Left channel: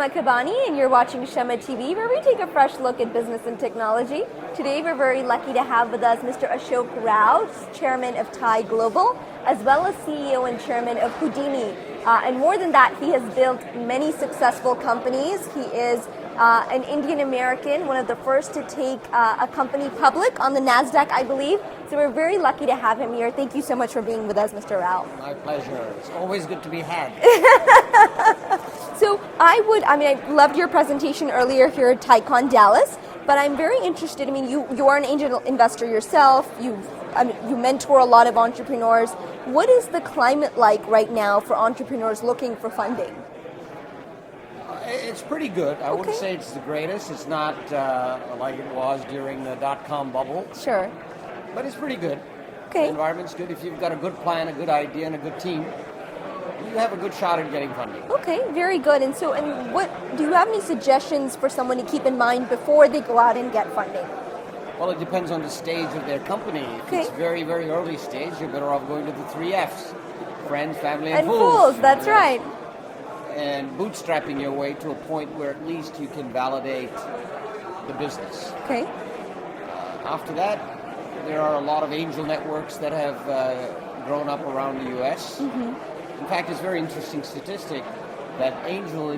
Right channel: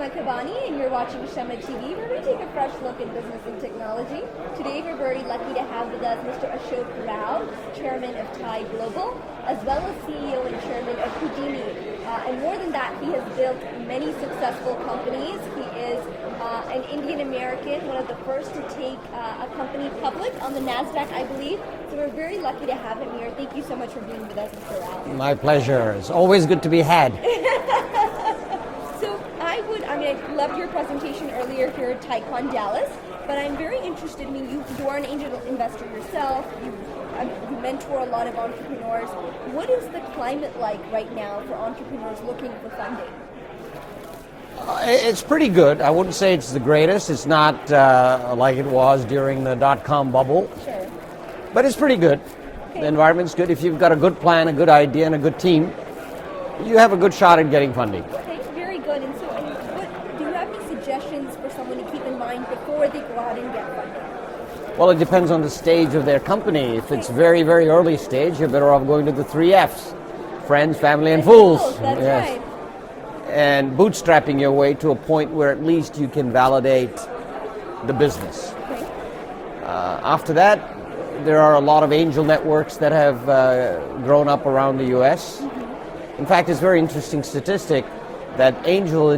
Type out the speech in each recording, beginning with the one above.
Shama Kabani, and you're watching Shama TV, where we take a fresh look at business and technology. Today, we're very lucky to have with us Mr. Asoke Ral, Chairman of Thai Global, as well as CEO and Chairman of Houdini. And more than that, he has built many successful companies. He is an Indian American, one of the first to take a company public on the NASDAQ, I believe. So we're very lucky to have him here. Thank you so much for being with us, Mr. Ral. My pleasure. It's always good to be had. So I loved your presentation earlier here at TiCon Dallas, but I'm very interested. You are an angel investor yourself. You mentor a lot of entrepreneurs. What is the climate like right now for entrepreneurs looking for funding? It's pretty good. I wouldn't say it's the greatest. It's not like it was during the dot-com bubble. Sure. But it's pretty good. Okay. The environment's good. If you've got a good plan, a good idea, and a good team, you have a good shot at getting funding. Okay, very good. And what do you have any suggestions for someone to keep in mind before they go out and get funding? Well, it depends on the stage of their company. If it's very, very early stage, you're better off going to the 3 Fs. Friends, family, and fools. That's right. And bootstrapping your way to a point where at least you can validate the business. Okay. After that, there are a lot of angel networks that have grown up around the U.S. In fact, it's a very interesting statistic that angels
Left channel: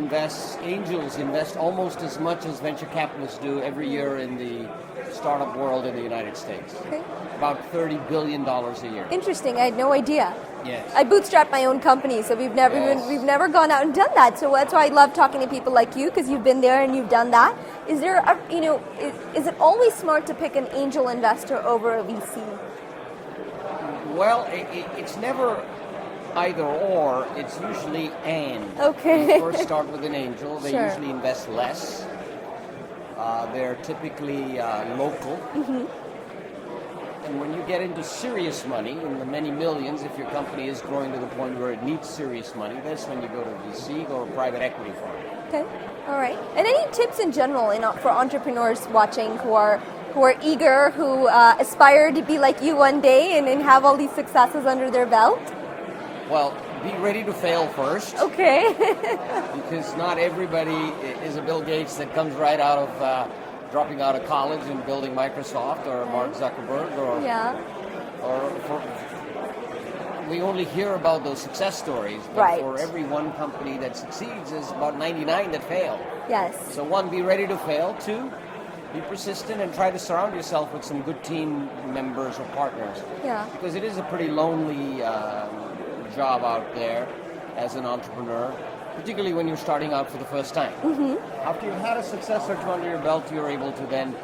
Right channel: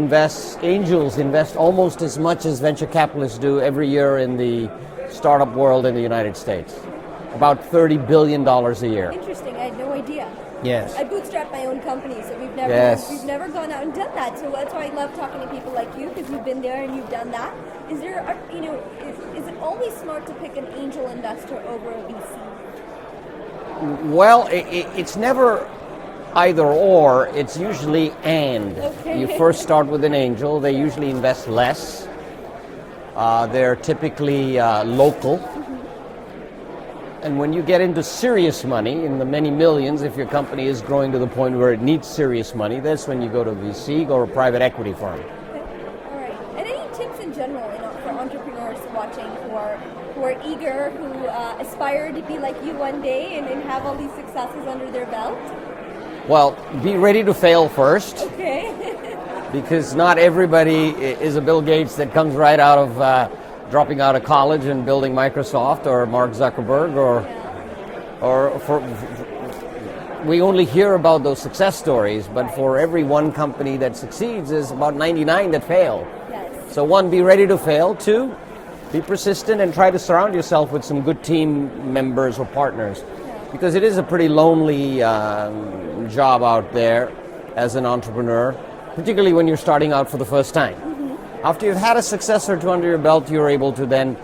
invest almost as much as venture capitalists do every year in the startup world in the United States. Okay. About $30 billion a year. Interesting. I had no idea. Yes. I bootstrapped my own company, so we've never gone out and done that. So that's why I love talking to people like you, because you've been there and you've done that. Is there is it always smart to pick an angel investor over a VC? Well, it's never either or, it's usually and. Okay. You first start with an angel, they Sure. usually invest less. They're typically local. And when you get into serious money, in the many millions, if your company is growing to the point where it needs serious money, that's when you go to VC, go to a private equity firm. Okay, all right. And any tips in general for entrepreneurs watching who are eager, who aspire to be like you one day and have all these successes under their belt? Well, be ready to fail first. Okay. Because not everybody is a Bill Gates that comes right out of dropping out of college and building Microsoft, or Mark Zuckerberg, we only hear about those success stories, but Right. for every one company that succeeds, there's about 99 that fail. Yes. So 1, be ready to fail. 2, be persistent and try to surround yourself with some good team members or partners. Yeah. Because it is a pretty lonely job out there as an entrepreneur, particularly when you're starting out for the first time. After you've had a success or two under your belt, you're able to then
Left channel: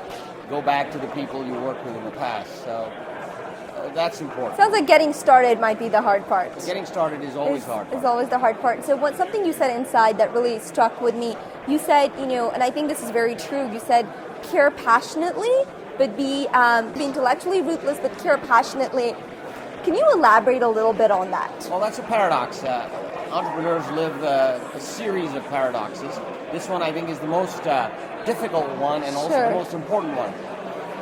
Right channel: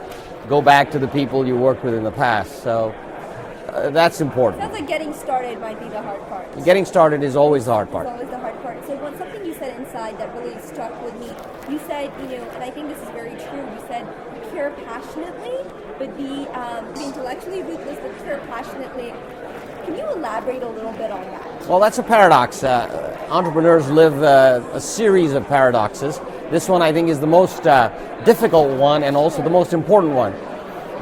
go back to the people you worked with in the past. So that's important. Sounds like getting started might be the hard part. Getting started is always the hard part. It's always the hard part. So something you said inside that really struck with me, you said, and I think this is very true, you said care passionately, but be intellectually ruthless, but care passionately. Can you elaborate a little bit on that? Well, that's a paradox. Entrepreneurs live a series of paradoxes. This one, I think, is the most difficult one and also the most important one.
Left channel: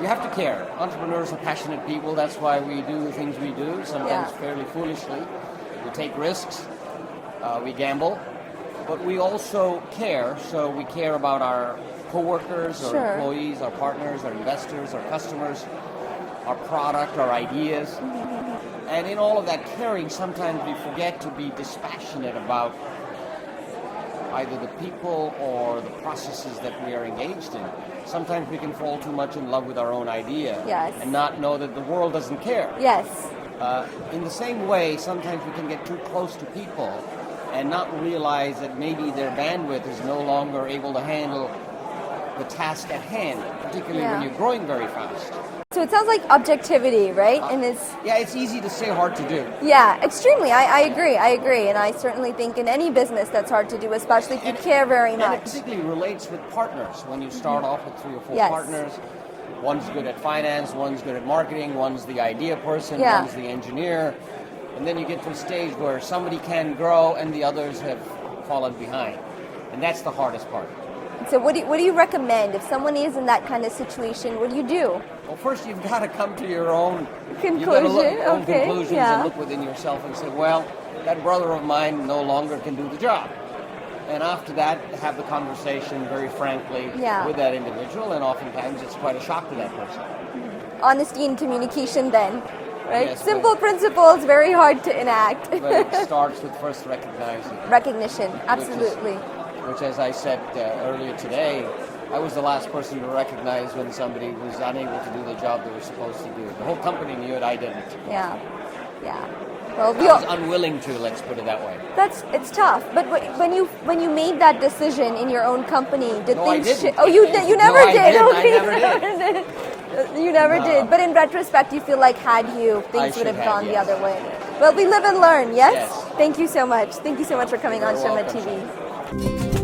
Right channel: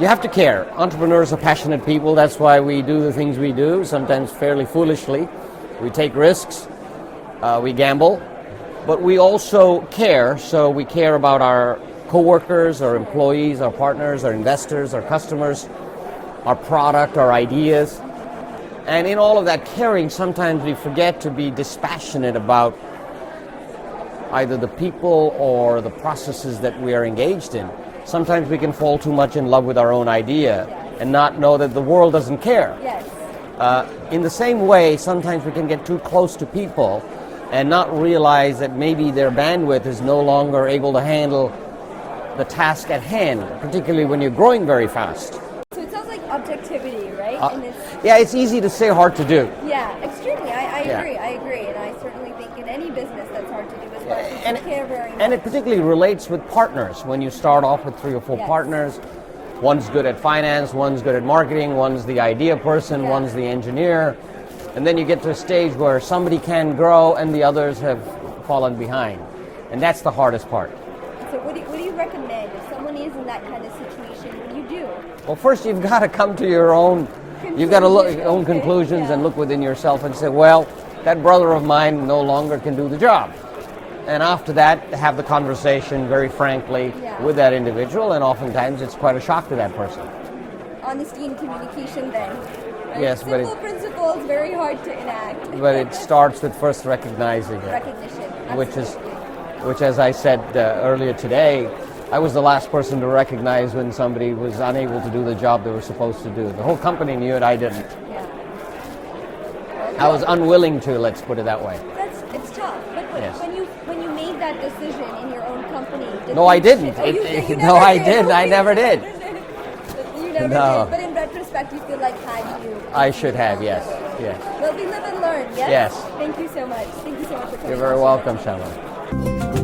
You have to care. Entrepreneurs are passionate people. That's why we do the things we do, sometimes fairly foolishly. We take risks, we gamble, but we also care. So we care about our coworkers, our employees, our partners, our investors, our customers, our product, our ideas. And in all of that caring, sometimes we forget to be dispassionate about either the people or the processes that we are engaged in. Sometimes we can fall too much in love with our own idea and not know that the world doesn't care. Yes. In the same way, sometimes we can get too close to people and not realize that maybe their bandwidth is no longer able to handle the task at hand, particularly when you're growing very fast. So it sounds like objectivity, right? And it's easy to say, hard to do. Yeah, extremely. I agree. And I certainly think in any business that's hard to do, especially if you care very much. And it particularly relates with partners. When you start off with 3 or 4 partners, one's good at finance, one's good at marketing, one's the idea person, one's the engineer. And then you get to a stage where somebody can grow and the others have fallen behind. And that's the hardest part. So what do you recommend if someone is in that kind of situation? What do you do? Well, first you've got to come to your own conclusion. You've got to look at your own conclusions and look within yourself and say, well, that brother of mine no longer can do the job. And after that, have the conversation very frankly Yeah. with that individual, and oftentimes it's quite a shock to that person. Honesty and communication then, right? Yes, but Simple principles, very hard to enact. But it starts with first recognizing it. Recognition, absolutely. Which, as I said earlier today, I was the last person to recognize when somebody was unable to do the job they were supposed to do. The whole company knew it, I didn't. Yeah. Well, I was unwilling to, let's put it that way. It's tough. But Yes. when you made that decision in your own company, No, I didn't. Oh, you never did. No, I didn't. I Okay. never did. You never No. did. But in retrospect, you feel like had you, things I would should have have, gone yes. the other way. Yes. Well, we live and learn. Yes. Yes. Thank you so much. Thank you so much for coming You're on very Shama welcome, TV. Shama.